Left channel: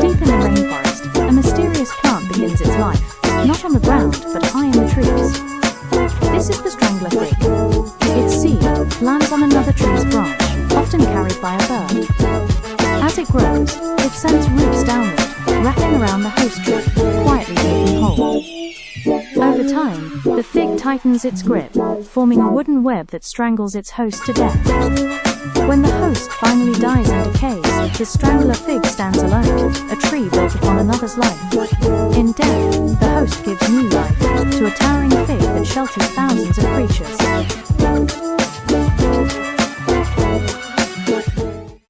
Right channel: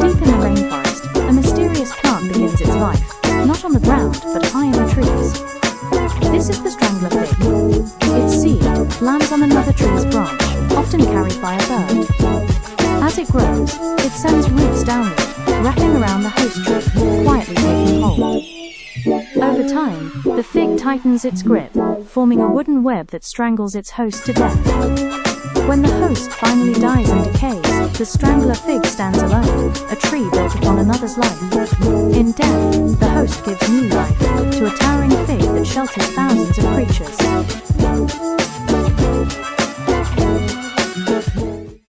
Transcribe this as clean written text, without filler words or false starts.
Deep in the rainforest, a mysterious plant begins its life, not on the ground but high in the trees. This is the strangler fig. Its seed lands on another tree's branch, often carried by a bird. As it grows, it sends roots downward, wrapping around the host tree, quietly taking hold. Over time, the fig tightens its grip, forming a wooden web that strangles its host to death. When the host finally dies and decays, the strangler fig stands alone, a tree built upon another's life. In death, the host gives new life to a towering fig that shelters thousands of creatures.